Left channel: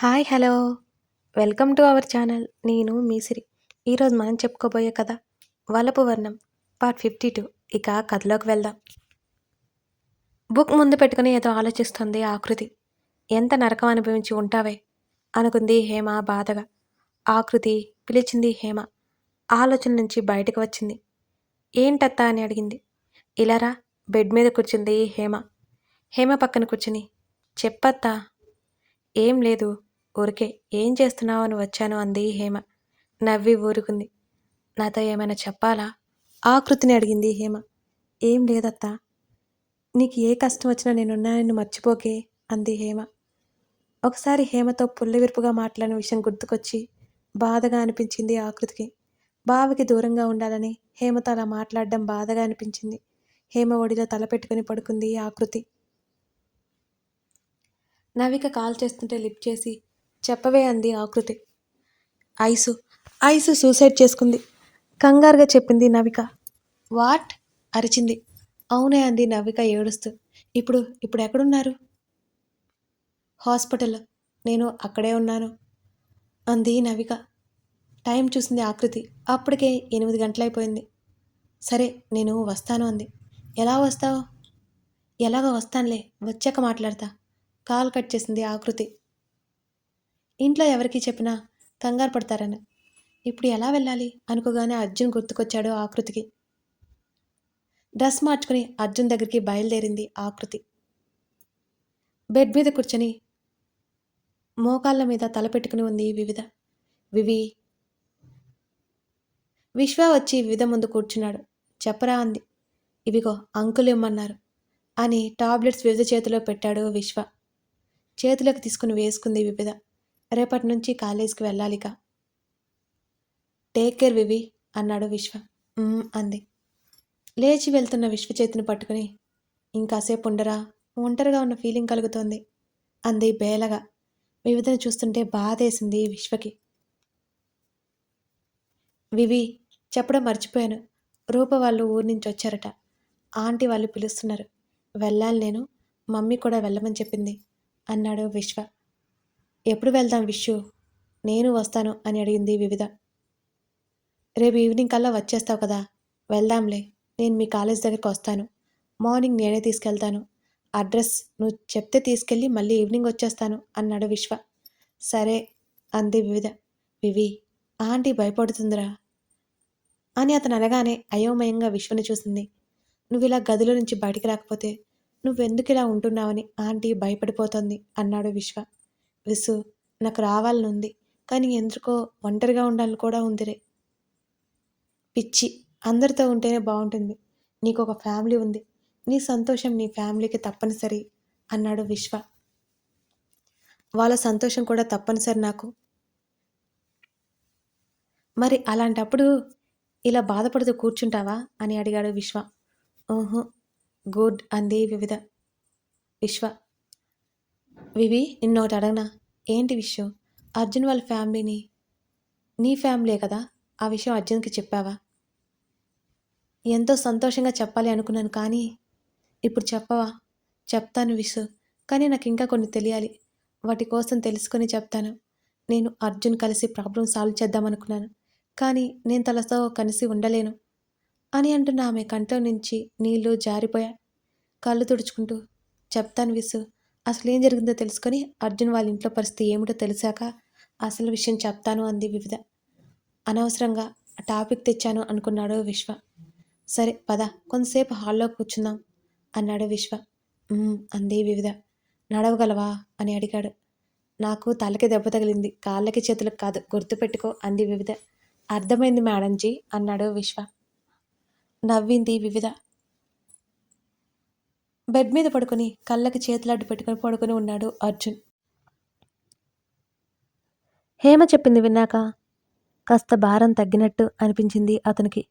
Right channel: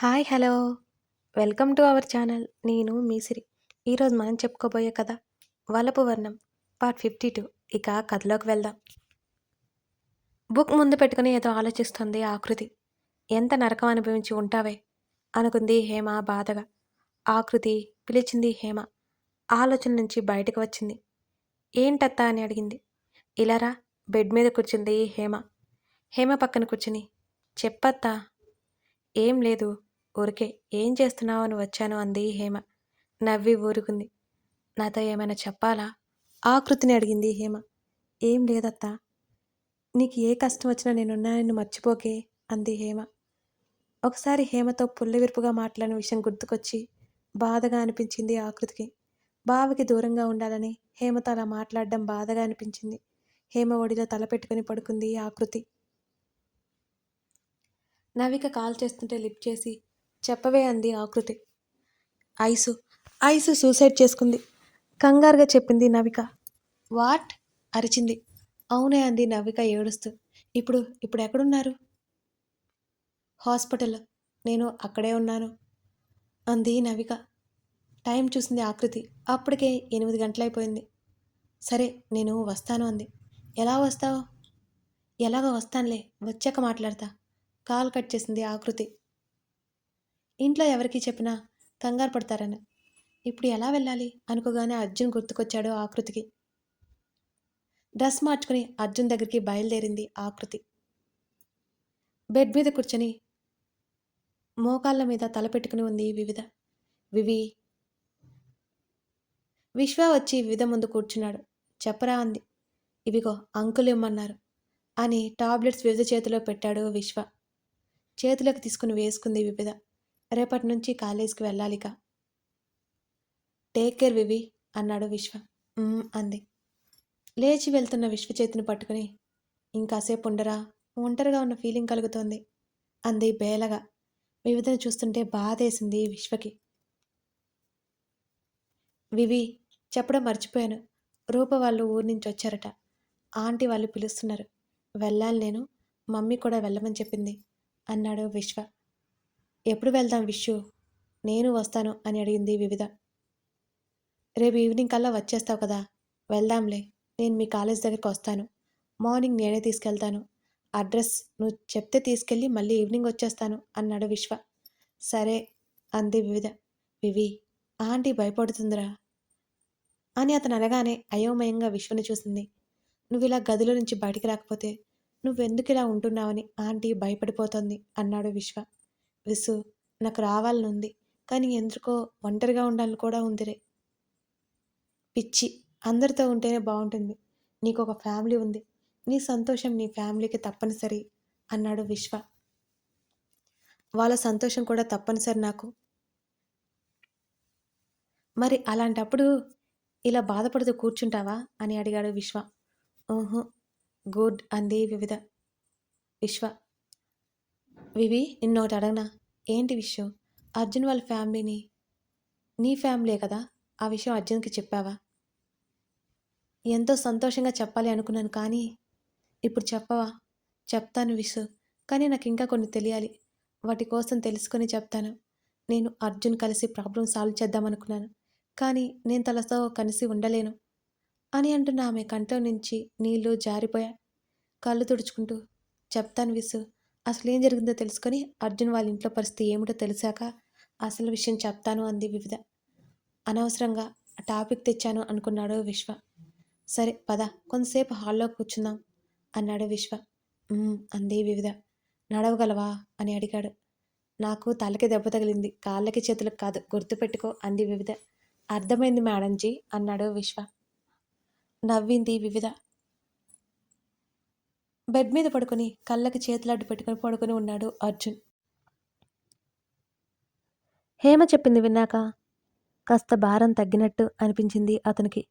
Hi hello welcome to our channel. నేను మీ సిరి. ఈరోజు మనం చెప్పుకోబోయే కథ వలపు వర్ణం పార్ట్ 52. ఇక కథలోకి వెళ్దాం. బుక్ ముందు పెట్టుకుని ఏదో ఆలోచిస్తుంది ఆకృతి. ఎంత నరకం అనుభవించి ఉంటావే అనుకుంది హేమ బాధగా. ఆకృతి పిలిచింది హేమ. ఆలోచన నుంచి బయటకు వచ్చింది. ఏంటత్తా అని అడిగింది. ఇలారా బెడ్ మీద కూర్చుంది హేమ. హేమ పక్కన కూర్చుని చెప్పత్తా. ఏం లేదు, ఊరికే ఏం చేస్తున్నావు అని వచ్చాను అంది హేమ. నవ్వి ఊరుకుంది. నాతో ఏమైనా చెప్పాలా? ఆకృతిని అడిగింది హేమ. ఏం లేదత్తా, నీకు ఏ కష్టం వచ్చినా నేనున్నానని మర్చిపోకే అంది హేమ. ఒకసారి హేమతో పుల్లవిరుపుగా మాట్లాడిన విషయం గుర్తుకొచ్చి బాధగా అనిపించింది ఆకృతికి. బావకి దూరంగా ఉండాలని హేమతో అలా మాట్లాడడం బాధగా అనిపించింది. హేమ ఒడిలో తల పెట్టుకుని పడుకుంది ఆకృతి. నవిక కాల్ చేస్తుంటే లిఫ్ట్ చేసి చెప్పవే అంది ఆకృతి. ఐసు ఐసు సూసైడ్ చేసుకుంది కంగారుగా చెప్పింది నవిక. వాట్ అరిచింది. అవునే అంది నవిక ఏడుస్తూ. ఇప్పుడు ఎక్కడున్నారు? హాస్పిటల్లో. నేను అక్కడే ఉన్నాను అంది నవిక. టైం చూసింది ఆకృతి. అప్పటికే 8 గంటలైపోయింది. సరే నేను వస్తాను అంది. ఎలా వస్తావు? ఎలాగో వస్తానులే, వచ్చాక మాట్లాడతా. కాల్ కట్ చేసింది ఆకృతి. ఇంట్లో ఎవరికి చెప్పినా కంగారు పడతారని. ఇప్పుడు ఎలా వెళ్ళాలి అనుకోగానే అర్జున్ గుర్తుకొచ్చాడు ఆకృతికి. డ్రెస్ మార్చుకుని అర్జున్ దగ్గరికి బయలుదేరింది ఆకృతి. బెడ్ మీద కూర్చొని మోకాళ్ళ మీద తల పెట్టుకుని ఉంది వివి. విశ్వ వచ్చి వివిధ ముందు కూర్చున్నాడు. చెప్పరా అంది. ఇవిగో అంకుల్ ఇమ్మన్నారు అని టాబ్లెట్స్ వివిధ చేతిలో పెట్టాడు విశ్వ. చేతిలోకి తీసుకుని వేసుకుంది వివిధ. రేపటి నుంచి కాలేజీకి వెళ్ళాలిక. టేక్ కేర్ వివి అన్నాడు విశ్వ. అంది. లేచి వెళ్తున్న విశ్వ చేతిని పట్టుకుని ఇంకాసేపు ఉండరా, ఒంటరిగా ఉన్న ఫీలింగ్ కలుగుతోంది అంది బేలగా. వివిధను చూస్తుంటే బాధేసింది విశ్వకి. వివి, చెప్పడం మర్చిపోయాను. రూప వాళ్ళు ఊరి నుంచి వచ్చారట. ఆంటీ వాళ్ళు పిలుస్తున్నారు. వెళ్ళాలి నేను. మమ్మీ కూడా వెళ్ళమని చెప్పింది అన్నాడు విశ్వ. ఎప్పుడు వెళ్దాం విశ్వ? నేను వస్తాను అని అడిగింది వివిధ. రేపు ఈవినింగ్ కల్లా వచ్చేస్తావు కదా, వెళ్దాంలే. నేను మీ కాలేజ్ దగ్గరికి వస్తాను. మార్నింగ్ నేనే తీసుకెళ్తాను. అడ్రస్ నువ్వు చెప్తే తీసుకెళ్ళి మళ్ళీ ఈవినింగ్ వచ్చేస్తాను అన్నాడు విశ్వ. సరే అంది వివిధ. వివి, ఆంటీ భయపడుతుందిరా అని అతను అనగానే అయోమయంగా విశ్వని చూసింది. నువ్వు ఇలా గదిలో నుంచి బయటికి రాకపోతే నువ్వెందుకు ఇలా ఉంటున్నావని ఆంటీ భయపడిపోతుంది అన్నాడు విశ్వ. విసు, నాకు రావాలనుంది, కానీ ఎందుకో ఒంటరిగా ఉండాలని కూడా ఉందిరే. పిచ్చి, అందరితో ఉంటేనే బాగుంటుంది. నీకు ఒక ఫ్యామిలీ ఉంది. నీ సంతోషం నీ ఫ్యామిలీకి తప్పనిసరి అన్నాడు విశ్వ. వాళ్ళ సంతోషం కూడా తప్పనిసరి నాకు. మరి అలాంటప్పుడు ఇలా బాధపడుతూ కూర్చుంటావా అని అడిగాడు విశ్వ. ఓహో గుడ్ అంది వివిధ. విశ్వ, వివి నిన్నొకటి అడగనా? ఏంటి విషయం? అర్జున్ వాళ్ళ ఫ్యామిలీని నీ ఫ్యామిలీ కదా, ఆ విషయం అర్జున్కి చెప్పావా? ఎంతో సంతోషంగా చెప్పాలి అనుకున్నాను, కానీ ఇప్పుడు చెప్పవా? చెప్తాను విసు, కానీ నాకు ఇంకా కొన్ని తెలియాలి. వాటి కోసం తెలుసుకొని చెప్తాను. నేను అర్జున్ కలిసి ప్రాబ్లం సాల్వ్ చేద్దామనుకున్నాను, కానీ నేను తనతో కలిసి ఉండలేను అని అంటున్న ఆమె కంట్లో నుంచి నీళ్లు జారిపోయా. కళ్ళు తుడుచుకుంటూ చెప్తాను విసు, అసలు ఏం జరిగిందో తెలుసుకొని అర్జున్ వాళ్ళ ఇంట్లో పరిస్థితి ఏమిటో తెలిసాక అసలు విషయం చెప్తాను అంది వివిధ. అనవసరంగా టాపిక్ తెచ్చాను అనుకున్నాడు విశ్వ. సరే పద, కొంతసేపు హాల్లో కూర్చుందాం అన్నాడు విశ్వ. అంది వివిధ. నడవగలవా అని అడిగాడు. నాకు తలకి దెబ్బ తగిలింది, కాళ్ళకి చేతులకు కాదు, గుర్తుపెట్టుకో అంది వివిధ. అర్థమైంది మేడంజీ అన్నాడు విశ్వ. నవ్వింది వివిధ. బెడ్ మీద పడుకొని కళ్ళకి చేతులు అడ్డు పెట్టుకుని పడుకొని ఉన్నాడు అర్జున్. హేమ చెప్పింది విన్నాక కాస్త భారం తగ్గినట్టు అనిపించింది అతనికి.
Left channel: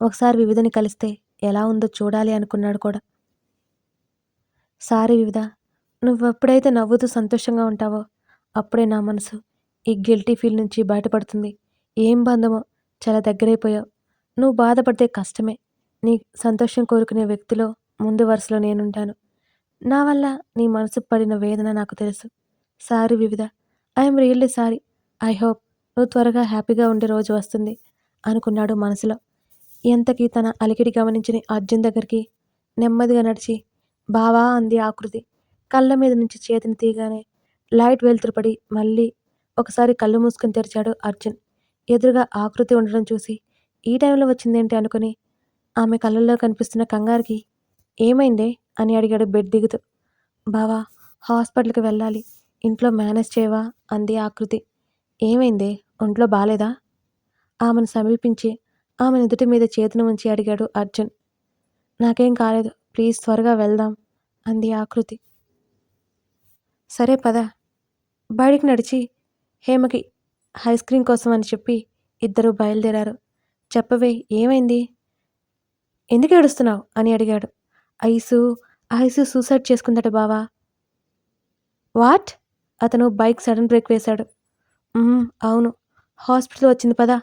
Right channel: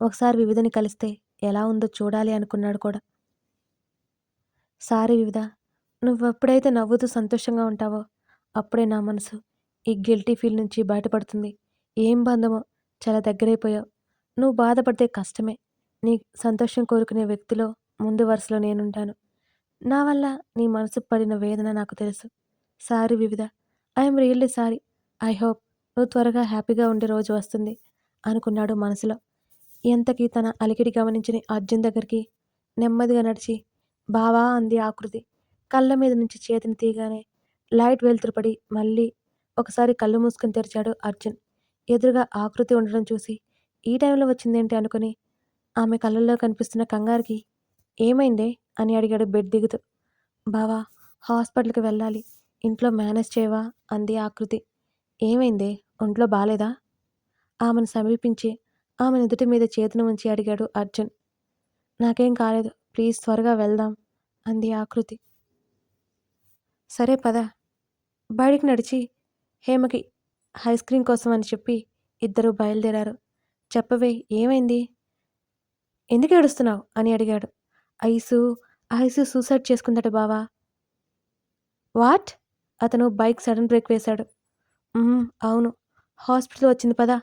ఒకసారి వివిధని కలిస్తే ఎలా ఉందో చూడాలి అనుకున్నాడు కూడా. సారీ వివిధ, నువ్వెప్పుడైతే నవ్వుతూ సంతోషంగా ఉంటావో అప్పుడే నా మనసు ఈ గిల్టీ ఫీల్ నుంచి బయటపడుతుంది. ఏం బంధమో, చాలా దగ్గరైపోయావు. నువ్వు బాధపడితే కష్టమే. నీ సంతోషం కోరుకునే వ్యక్తిలో ముందు వరుసలో నేనుంటాను. నా వల్ల నీ మనసు పడిన వేదన నాకు తెలుసు. సారీ వివిధ, I'm really sorry. I hope నువ్వు త్వరగా హ్యాపీగా ఉండే రోజు వస్తుంది అనుకున్నాడు మనసులో. ఎంతకీ తన అలికిడి గమనించని అర్జున్ దగ్గరికి నెమ్మదిగా నడిచి బావా అంది ఆకృతి. కళ్ళ మీద నుంచి చేతిని తీయగానే లైట్ వెలుతురు పడి మళ్ళీ ఒకసారి కళ్ళు మూసుకుని తెరిచాడు అర్జున్. ఎదురుగా ఆకృతి ఉండడం చూసి ఈ టైంలో వచ్చిందేంటి అనుకుని ఆమె కళ్ళల్లో కనిపిస్తున్న కంగారుకి ఏమైందే అని అడిగాడు బెడ్ దిగుతూ. బావా హాస్పిటల్కి వెళ్ళాలి, ఇంట్లో మేనేజ్ చేయవా అంది ఆకృతి. ఏమైందే, ఒంట్లో బాలేదా ఆమెను సమీపించి ఆమె నుదుటి మీద చేతిని ఉంచి అడిగాడు అర్జున్. నాకేం కాలేదు, ప్లీజ్ త్వరగా వెళ్దాం అంది ఆకృతి. సరే పద. బయటికి నడిచి హేమకి ఐస్ క్రీమ్ కోసం అని చెప్పి ఇద్దరు బయలుదేరారు. చెప్పవే ఏమైంది, ఎందుకు ఏడుస్తున్నావు అని అడిగాడు. ఐసు ఐసు సూసైడ్ చేసుకుందట బావా. వాట్? అతను బైక్ సడన్ బ్రేక్ వేశాడు. అవును, హాస్పిటల్ వచ్చింది పదా.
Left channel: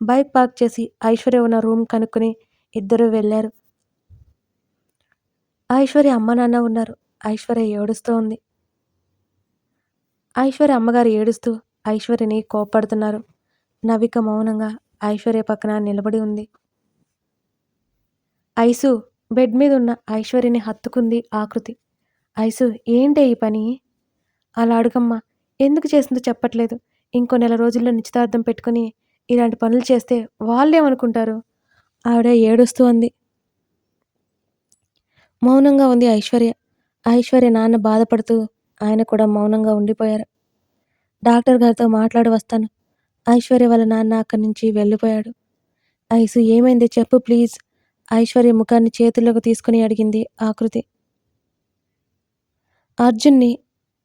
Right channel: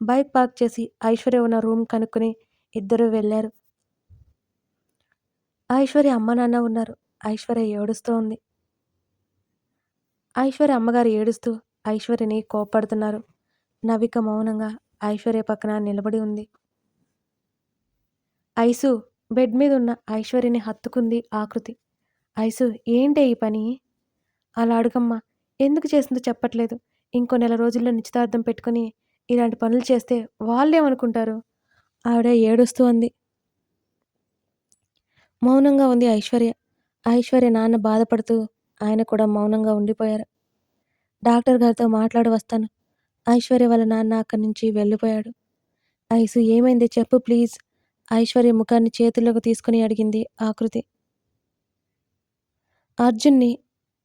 బైక్ పార్క్ చేసి ఐశ్వర్య ఉన్న రూమ్ కనుక్కొని ఇద్దరు వెళ్ళారు. ఐశ్వర్య అమ్మ నాన్న ఉన్నారు. ఐశ్వర్య ఏడుస్తూ ఉంది. ఐశ్వర్య అమ్మగారు ఏడుస్తూ ఐశ్వర్యని కోప్పడుతున్నారు. నవిక మౌనంగా ఐశ్వర్య పక్కన నిలబడి ఉంది. ఐసు బెడ్ మీద ఉన్న ఐశ్వర్యని హత్తుకుంది ఆకృతి. ఐసు ఏంటే ఈ పని? అలా అడుగమ్మా, ఎందుకు చేసిందో చెప్పట్లేదు. ఇంకో నెల రోజుల్లో నిశ్చితార్థం పెట్టుకుని ఇలాంటి పనులు చేస్తే వాళ్ళేమనుకుంటారు? ఆవిడ ఏడుస్తూ అంది. మౌనంగా ఉంది ఐశ్వర్య. ఐశ్వర్య నాన్న బాధపడుతూ ఆయన కూడా మౌనంగా ఉండిపోయారు. డాక్టర్ గారితో మాట్లాడి వస్తాను. ఐశ్వర్య వాళ్ళ నాన్న అక్కడి నుంచి వెళ్ళిపోయాడు. ఐసు ఏమైంది చెప్పు ప్లీజ్. ఐశ్వర్య ముఖాన్ని చేతుల్లోకి తీసుకుని అడిగింది ఆకృతి. అర్జున్ని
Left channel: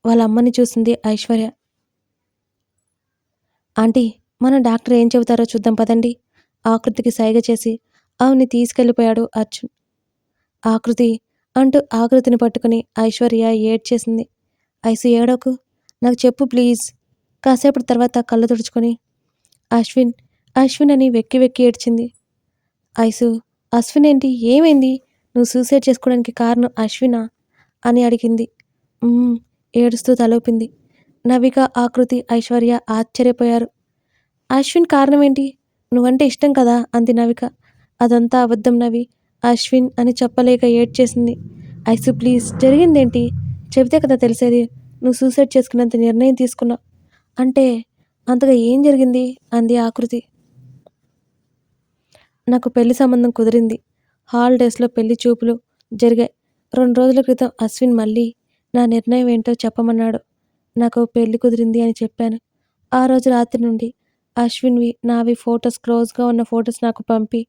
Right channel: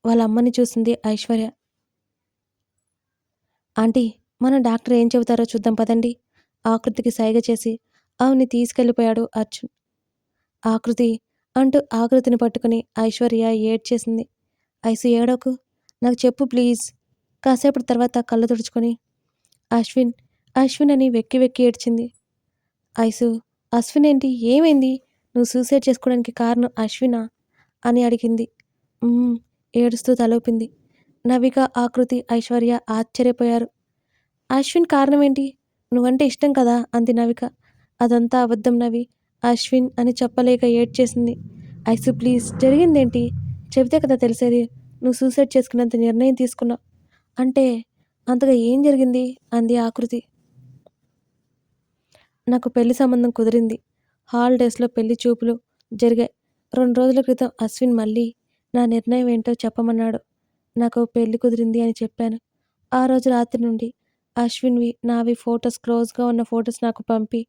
వాళ్ళ అమ్మని చూసింది ఐశ్వర్య. ఆంటీ, మన డాక్టర్ ఏం చెబుతారో చూద్దాం పదండి. ఆకృతికి సైగ చేసి ఆమెని తీసుకెళ్ళిపోయాడు అర్జున్. ఆకృతి అంటూ ఆకృతిని పట్టుకుని ఐశ్వర్య ఏడ్చేసింది. ఐసు ఏడోకు, నాకు చెప్పు ప్లీజ్. కాసేపటి తర్వాత కళ్ళు తుడుచుకొని అశ్విన్ అశ్విన్ అని వెక్కి వెక్కి ఏడ్చింది. ఐసు అశ్విన్ ఏంటి, ఏమైంది? నువ్వు సూసైడ్ చేసుకోవడానికి కారణం అశ్వినా అని అడిగింది. ఏడుస్తూ తలూపింది. నవిక ఆకృతి ఐశ్వర్య ఆశ్చర్యపోయారు. అశ్విన్ కారణం ఏంటి? నువ్వంటే ఇష్టం కదా అంది నవిక. అదంతా అబద్ధం నవి, అశ్విన్ అని చెప్పలేక ఏడ్చేసింది. ఐసు ప్లీజ్ జరిగిందేంటి చెబితే కదా తెలిసేది. నువ్వు సూసైడ్ చేసుకున్నంత నిర్ణయం తీసుకున్నావు అంటే అంతగా ఏం జరిగింది అంది ఆకృతి. నాకు పెళ్లి సంబంధం కుదిరింది. హాలిడేస్లో పెళ్లి చూపులు జరిగాయి. 2 రోజుల క్రితం అశ్విన్ మళ్ళీ నా నిర్ణయం ఏంటో చెప్పమన్నాడు. నాకు పెళ్లి కుదిరింది అని చెప్పాను. ఆ రోజు రాత్రి నుండి అశ్విన్వి నావి ఫొటోస్, క్లోజ్గా ఉన్న ఫొటోస్ నాకు పంపి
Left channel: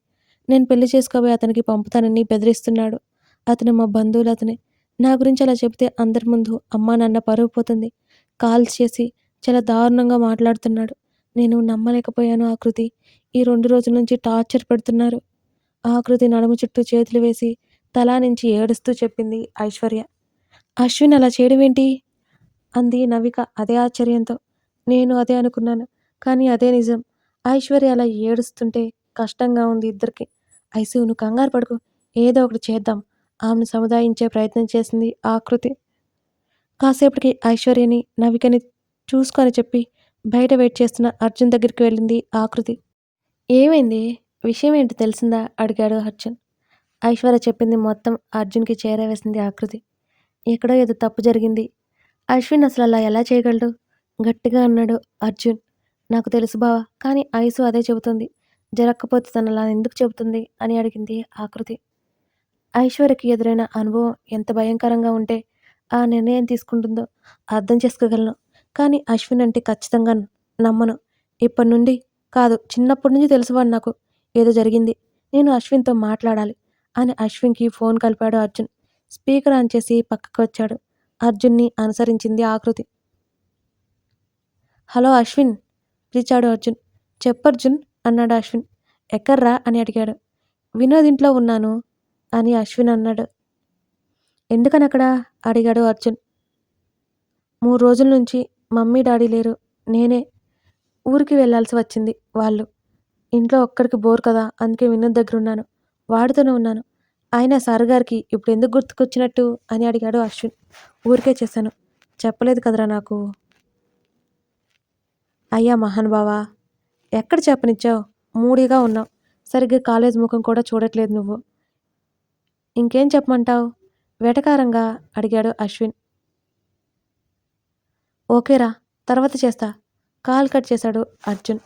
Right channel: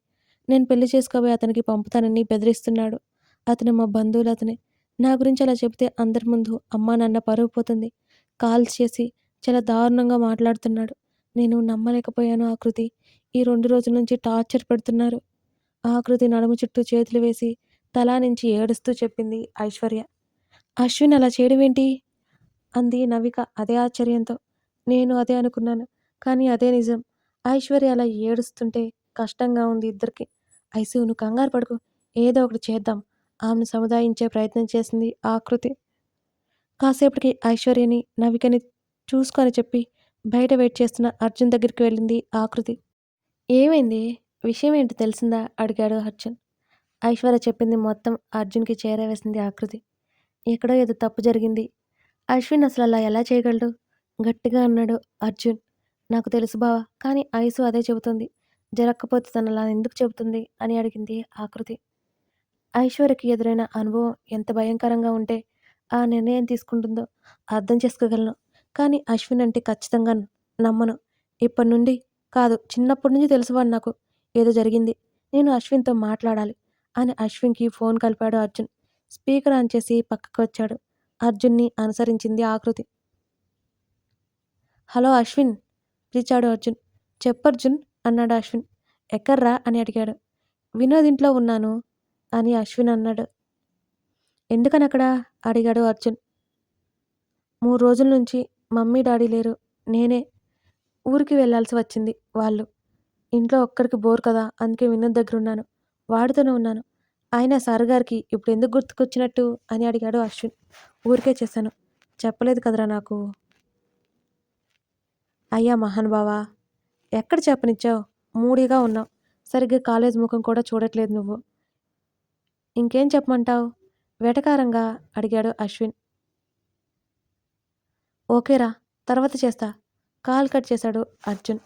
నేను పెళ్లి చేసుకోబోయి అతనికి పంపుతానని బెదిరిస్తున్నాడు. అతను మా బంధువులు అతనే. నా గురించి అలా చెబితే అందరి ముందు అమ్మా నాన్న పరువు పోతుంది. కాల్స్ చేసి చాలా దారుణంగా మాట్లాడుతున్నాడు. నేను నమ్మలేకపోయాను ఆకృతి. ఈ 2 రోజుల నుంచి టార్చర్ పెడుతున్నారు. ఆకృతి నడుము చుట్టూ చేతులు వేసి తలా నుంచి ఏడుస్తూ చెప్పింది ఐశ్వర్య. అశ్విన్ అలా చేయడం ఏంటి అంది నవిక అదే ఆశ్చర్యంతో. నేను అదే అనుకున్నాను, కానీ అదే నిజం. ఐశ్వర్య అలా ఏడుస్తుంటే కష్టంగా ఉంది ఇద్దరికి. ఐసు నువ్వు కంగారు పడుకు, ఏదో ఒకటి చేద్దాం ఆమెను సముదాయించే ప్రయత్నం చేసింది ఆకృతి. కాసేపటికి ఐశ్వర్యని నవికని చూసుకొని చెప్పి బయట వెయిట్ చేస్తున్న అర్జున్ దగ్గరికి వెళ్ళింది ఆకృతి. ఏమైంది, విషయం ఏంటి తెలిసిందా అడిగాడు అర్జున్. ఐశ్వర్య చెప్పింది మొత్తం అర్జున్కి చేరవేసింది ఆకృతి. ఎక్కడో ఏదో తప్పు జరిగింది. అశ్విన్ అసలు అలా ఎలా చేయగలడు గట్టిగా అన్నాడు అర్జున్. నాకు తెలుసు బావా, కానీ ఐసు అదే చెబుతుంది. జరగకపోతే తను అలా ఎందుకు చెబుతుంది అని అడిగింది ఆకృతి. ఐశ్వర్యకి ఎదురైన అనుభవం ఎంత భయంకరంగా ఉంటే ఆ నిర్ణయం తీసుకుంటుందో అర్థం చేసుకోగలను. కానీ అశ్విన్ అంటే ఖచ్చితంగా నమ్మను. ఇప్పటి నుండి కాదు, చిన్నప్పటి నుంచి తెలుసువాడు నాకు. ఏదో జరిగింది, నేను అశ్విన్తో మాట్లాడాలి అని అశ్విన్కి ఫోన్ కలిపాడు అర్జున్. స్పీకర్ ఆన్ చేసి పక్కకు వచ్చాడు. అర్జున్ని అనుసరించింది ఆకృతి. హలో అశ్విన్ పిలిచాడు అర్జున్. చెప్పర్జున్ అన్నాడు అశ్విన్. ఎక్కర్రా అని అడిగాడు. వినోద్ ఇంట్లో ఉన్నాను అని అశ్విన్ అన్నాడు. ఎందుకని అక్కడ అడిగాడు అర్జున్. 3 రోజుల నుంచి మమ్మీ డాడీ లేరు, నేనే ఊరికి వెళ్ళాల్సి వచ్చింది. వాళ్ళు ఇంట్లో ఒక్కడికి బోర్ కదా, అందుకే వినోద్ దగ్గర ఉన్నాను, వాడితోనే ఉన్నాను. అయినా సార్ గారికి ఇప్పుడు ఎందుకు గుర్తుకొచ్చినట్టు అని అడిగాడు అశ్విన్. ఊరికే చేశాను, చెప్పలేదు కదరా నాకు. అయ్యా మహానుభావా! ఎక్కడ చెప్పనిచ్చావు? మూడీగా ఉన్నావు. సరిగ్గా కాలేజీ ముఖం కూడా చూడట్లేదు నువ్వు. ఇంకేం చెప్పమంటావు? వెటకారంగా అడిగాడు అశ్విన్. ఓకేరా, తర్వాత చేస్తా. కాల్ కట్ చేశాడు అర్జున్.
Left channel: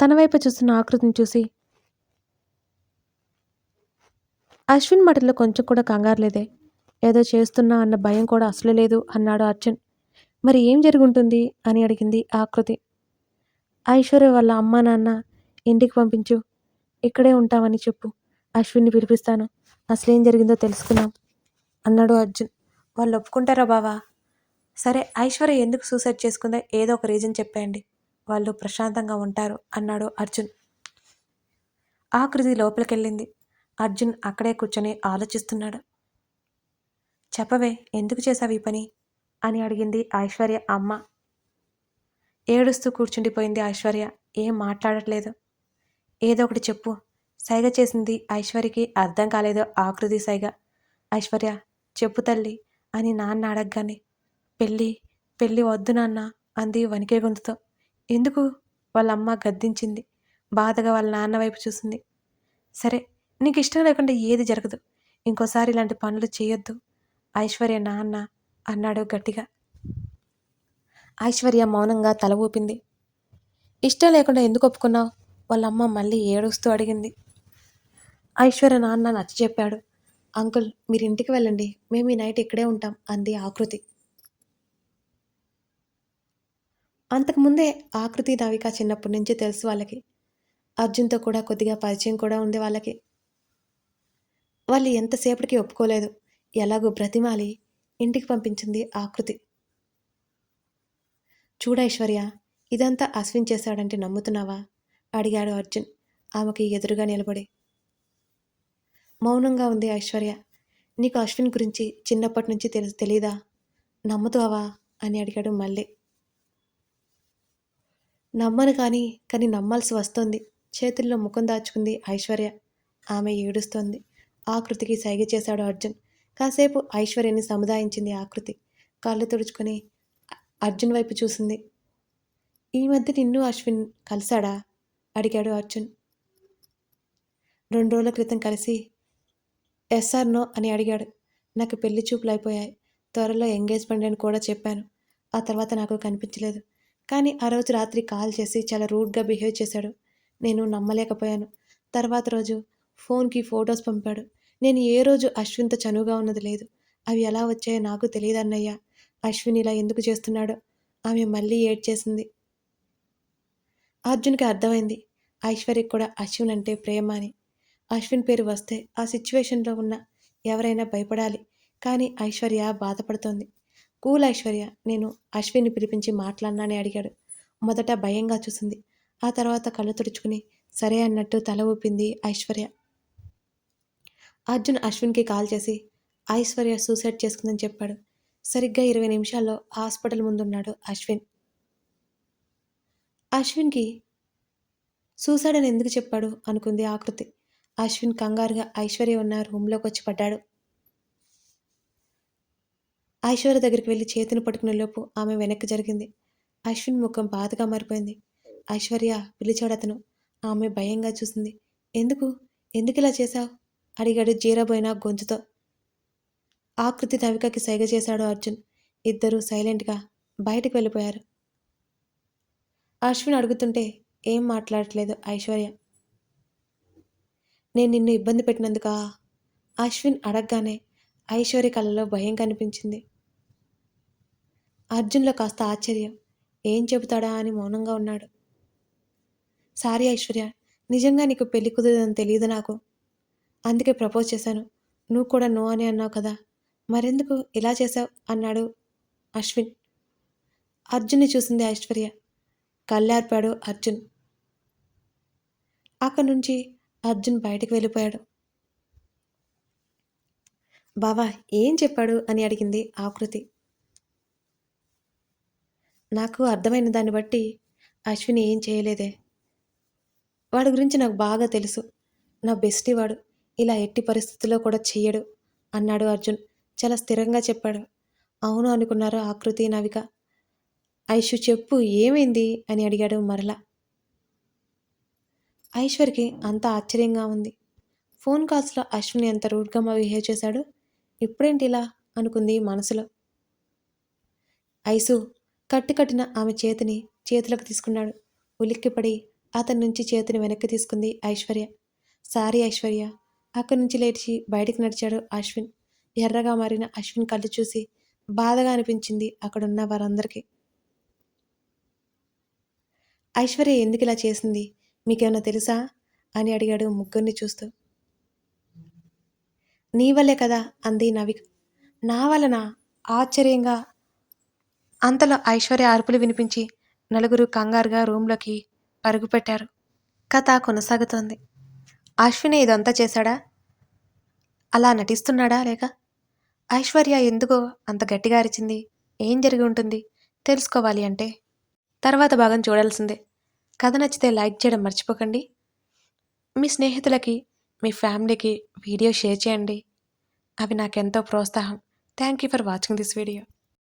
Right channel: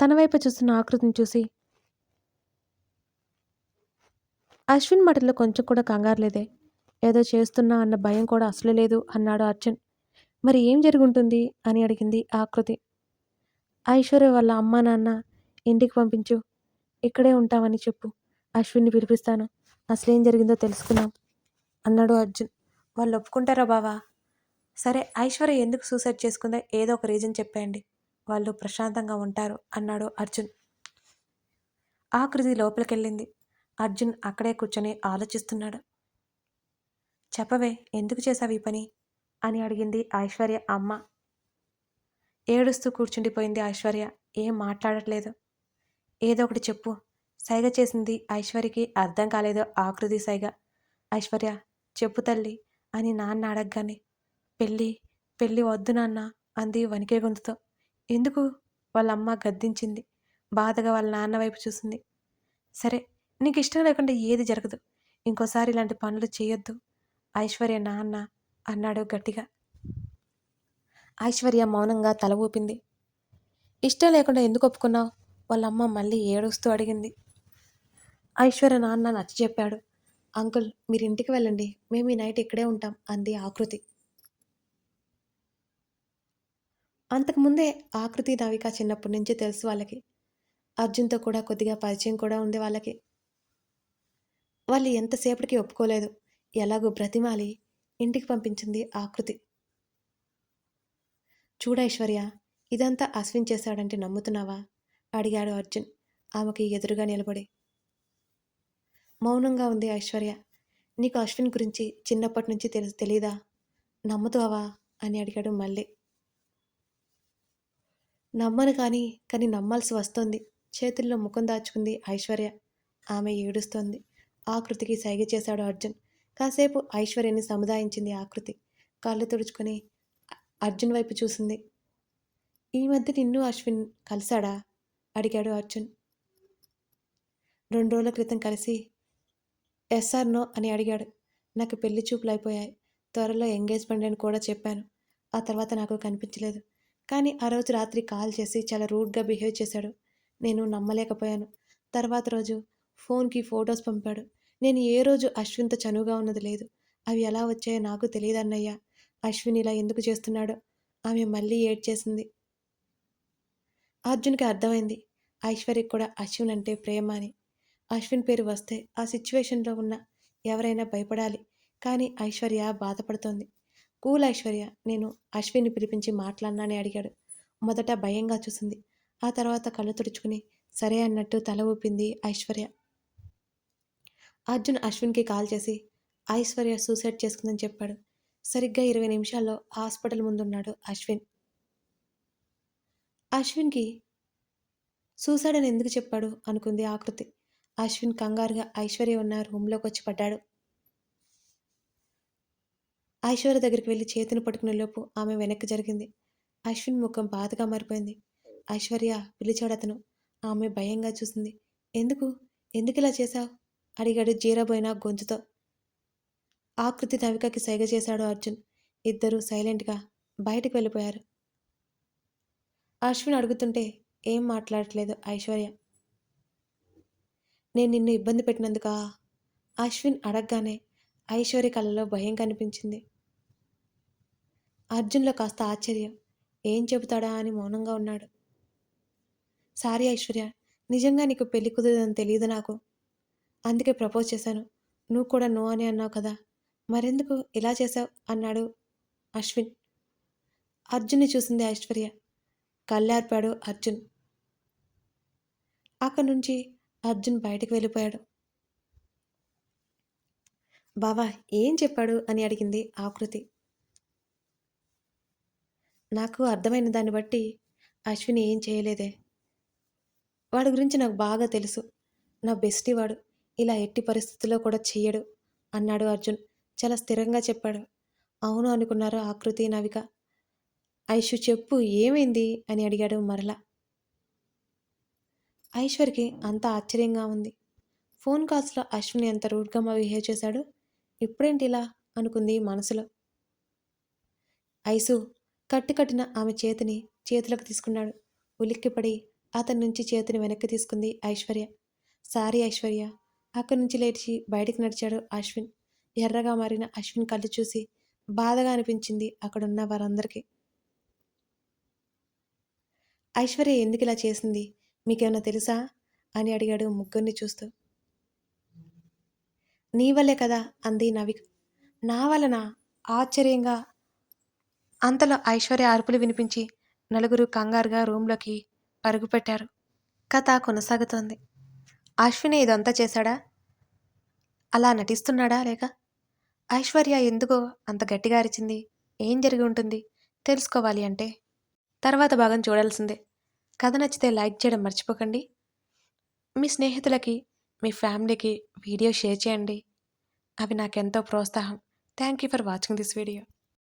తన వైపు చూస్తున్న ఆకృతిని చూసి అశ్విన్ మాటల్లో కొంచెం కూడా కంగారు లేదే. ఏదో చేస్తున్నా అన్న భయం కూడా అసలు లేదు అన్నాడు అర్జున్. మరి ఏం జరుగుంటుంది అని అడిగింది ఆకృతి. ఐశ్వర్య వాళ్ళ అమ్మా నాన్న ఇంటికి పంపించు. ఇక్కడే ఉంటామని చెప్పు. అశ్విన్ని పిలిపిస్తాను. అసలేం జరిగిందో తెలుసుకుందాం అన్నాడు అర్జున్. వాళ్ళు ఒప్పుకుంటారా బావా? సరే, ఐశ్వర్య ఎందుకు సూసైడ్ చేసుకుందో ఏదో ఒక రీజన్ చెప్పేయండి. వాళ్ళు ప్రశాంతంగా ఉంటారు అన్నాడు అర్జున్. ఆకృతి లోపలికెళ్ళింది. అర్జున్ అక్కడే కూర్చొని ఆలోచిస్తున్నాడు. చెప్పవే, ఎందుకు చేశావు ఈ పని అని అడిగింది ఐశ్వర్య అమ్మ. ఏడుస్తూ కూర్చుండిపోయింది ఐశ్వర్య. ఏం మాట్లాడట్లేదు. ఏదో ఒకటి చెప్పు. సైగ చేసింది ఐశ్వర్యకి అర్థం కాలేదు ఆకృతి సైగ. ఐశ్వర్య, చెప్పు తల్లి అని నాన్న అడగగానే పెళ్ళి పెళ్ళి వద్దు నాన్న అంది వణికే గొంతుతో. ఎందుకు? వాళ్ళమ్మ గద్దించింది. బాధగా వాళ్ళ నాన్న వైపు చూసింది. సరే, నీకు ఇష్టం లేకుండా ఏది జరగదు. ఇంకోసారి ఇలాంటి పనులు చేయొద్దు ఐశ్వర్య నాన్న అన్నాడు గట్టిగా. ఐశ్వర్య మౌనంగా తల ఊపింది. ఇష్టం లేకుండా ఎందుకు ఒప్పుకున్నావు? వాళ్ళమ్మ మళ్ళీ ఏడుస్తూ అడిగింది. ఐశ్వర్య నాన్న నచ్చ చెప్పాడు. అంకుల్, మీరు ఇంటికి వెళ్ళండి, మేము ఈ నైట్ ఇక్కడే ఉంటాం అంది ఆకృతి. అంతకుముందే ఆకృతి నవిక చిన్నప్పటి నుంచి తెలుసు వాళ్ళకి. అర్జున్తో కూడా కొద్దిగా పరిచయం కూడా ఉంది వాళ్ళకి. వాళ్ళు ఎంతసేపటికి ఒప్పుకోలేదు. ఎలాగో బ్రతిమాలి ఇంటికి పంపించింది ఆకృతి. చూడైశ్వర్య, ఇదంతా అశ్విన్ చేశాడంటే నమ్ముతున్నావా అడిగాడు అర్జున్ ఆమెకి ఎదురుగా నిలబడి. మౌనంగా ఉంది ఐశ్వర్య. నీకు అశ్విన్ గురించి చిన్నప్పటి నుంచి తెలీదా? నమ్ముతావా అని అడిగాడు మళ్ళీ. నమ్మను కానీ నమ్మాల్సి వస్తోంది. చేతుల్లో ముఖం దాచుకుంది ఐశ్వర్య. ఆమె ఏడుస్తోంది. ఆకృతికి సైగ చేశాడు అర్జున్. కాసేపు ఐశ్వర్యని సముదాయించింది ఆకృతి. కళ్ళు తుడుచుకొని అర్జున్ వైపు చూసింది. ఈ మధ్య నిన్ను అశ్విన్ కలిశాడా అడిగాడు అర్జున్. 2 రోజుల క్రితం కలిసి ఎస్ ఆర్ నో అని అడిగాడు. నాకు పెళ్లి చూపులు అయిపోయాయి. త్వరలో ఎంగేజ్మెంట్ అని కూడా చెప్పాను. ఆ తర్వాత నాకు కనిపించలేదు. కానీ ఆ రోజు రాత్రి కాల్ చేసి చాలా రూడ్గా బిహేవ్ చేశాడు. నేను నమ్మలేకపోయాను. తర్వాత రోజు ఫోన్కి ఫొటోస్ పంపాడు. నేను ఏ రోజు అశ్విన్తో చనువుగా ఉన్నది లేదు. అవి ఎలా వచ్చాయో నాకు తెలియదన్నయ్య. అశ్విన్ ఇలా ఎందుకు చేస్తున్నాడో. ఆమె మళ్ళీ ఏడ్చేసింది. అర్జున్కి అర్థమైంది. ఐశ్వర్యకి కూడా అశ్విన్ అంటే ప్రేమ అని. అశ్విన్ పేరు వస్తే ఆ సిచ్యువేషన్లో ఉన్న ఎవరైనా భయపడాలి. కానీ ఐశ్వర్య బాధపడుతోంది. కూల్ ఐశ్వర్య, నేను అశ్విన్ని పిలిపించి మాట్లాడినానని అడిగాడు. మొదట భయంగా చూసింది. ఆ తర్వాత కళ్ళు తుడుచుకుని సరే అన్నట్టు తల ఊపింది ఐశ్వర్య. అర్జున్ అశ్విన్కి కాల్ చేసి ఐశ్వర్య సూసైడ్ చేసుకుందని చెప్పాడు. సరిగ్గా 20 నిమిషాల్లో హాస్పిటల్ ముందున్నాడు అశ్విన్. అశ్విన్కి సూసైడ్ అని ఎందుకు చెప్పాడు అనుకుంది ఆకృతి. అశ్విన్ కంగారుగా ఐశ్వర్య ఉన్న రూమ్లోకి వచ్చి పడ్డాడు. ఐశ్వర్య దగ్గరికి వెళ్ళి చేతిని పట్టుకునే లోపు ఆమె వెనక్కి జరిగింది. అశ్విన్ ముఖం బాధగా మారిపోయింది. ఐశ్వర్య పిలిచాడు అతను. ఆమె భయంగా చూసింది. ఎందుకు ఎందుకు ఇలా చేశావు అడిగాడు జీరబోయిన గొంతుతో. ఆకృతి నవికకి సైగ చేశాడు అర్జున్. ఇద్దరూ సైలెంట్గా బయటకు వెళ్ళిపోయారు. అశ్విన్ అడుగుతుంటే ఏం మాట్లాడట్లేదు ఐశ్వర్య. నేను నిన్ను ఇబ్బంది పెట్టినందుకా అశ్విన్ అడగగానే ఐశ్వర్య కళ్ళలో భయం కనిపించింది. అర్జున్లో కాస్త ఆశ్చర్యం. ఏం చెబుతాడా అని మౌనంగా ఉన్నాడు. సారీ ఐశ్వర్య, నిజంగా నీకు పెళ్లి కుదరదని తెలియదు నాకు. అందుకే ప్రపోజ్ చేశాను. నువ్వు కూడా నో అని అన్నావు కదా, మరెందుకు ఇలా చేశావు అన్నాడు అశ్విన్. అర్జున్ని చూసింది ఐశ్వర్య. కళ్ళార్పాడు అర్జున్. అక్కడి నుంచి అర్జున్ బయటకు వెళ్ళిపోయాడు. బావా ఏం చెప్పాడు అని అడిగింది ఆకృతి. నాకు అర్థమైన దాన్ని బట్టి అశ్విని ఏం చేయలేదే. వాడి గురించి నాకు బాగా తెలుసు. నా బెస్టీ వాడు. ఇలా ఎట్టి పరిస్థితుల్లో కూడా చెయ్యడు అన్నాడు అర్జున్ చాలా స్థిరంగా చెప్పాడు. అవును అనుకున్నారు ఆకృతి నవిక. ఐషు చెప్పు ఏమైంది అని అడిగాడు మరలా. ఐశ్వర్యకి అంత ఆశ్చర్యంగా ఉంది. ఫోన్ కాల్స్లో అశ్విని ఎంత రూడ్గా బిహేవ్ చేశాడు, ఇప్పుడేంటి ఇలా అనుకుంది మనసులో. ఐసు కట్టిన ఆమె చేతిని చేతులకు తీసుకున్నాడు. ఉలిక్కిపడి అతని నుంచి చేతిని వెనక్కి తీసుకుంది ఐశ్వర్య. సారీ ఐశ్వర్య. అక్కడి నుంచి లేచి బయటికి నడిచాడు అశ్విన్. ఎర్రగా మారిన అశ్విన్ కళ్ళు చూసి బాధగా అనిపించింది అక్కడున్న వారందరికీ. ఐశ్వర్య ఎందుకు ఇలా చేసింది మీకేమైనా తెలుసా అని అడిగాడు ముగ్గురిని చూస్తూ. నీ వల్లే కదా అంది నవిక. నా వలన ఆశ్చర్యంగా. అంతలో ఐశ్వర్య అరుపులు వినిపించి నలుగురు కంగారుగా రూంలోకి పరుగుపెట్టారు. కథ కొనసాగుతోంది. అశ్విని ఇదంతా చేశాడా, అలా నటిస్తున్నాడా, లేక ఐశ్వర్య ఎందుకో అంత గట్టిగా అరిచింది, ఏం జరిగి ఉంటుంది తెలుసుకోవాలి అంటే తర్వాత భాగం చూడాల్సిందే. కథ నచ్చితే లైక్ చేయడం మర్చిపోకండి. మీ స్నేహితులకి మీ ఫ్యామిలీకి వీడియో షేర్ చేయండి. అవి నాకెంతో ప్రోత్సాహం. Thank you for watching this video.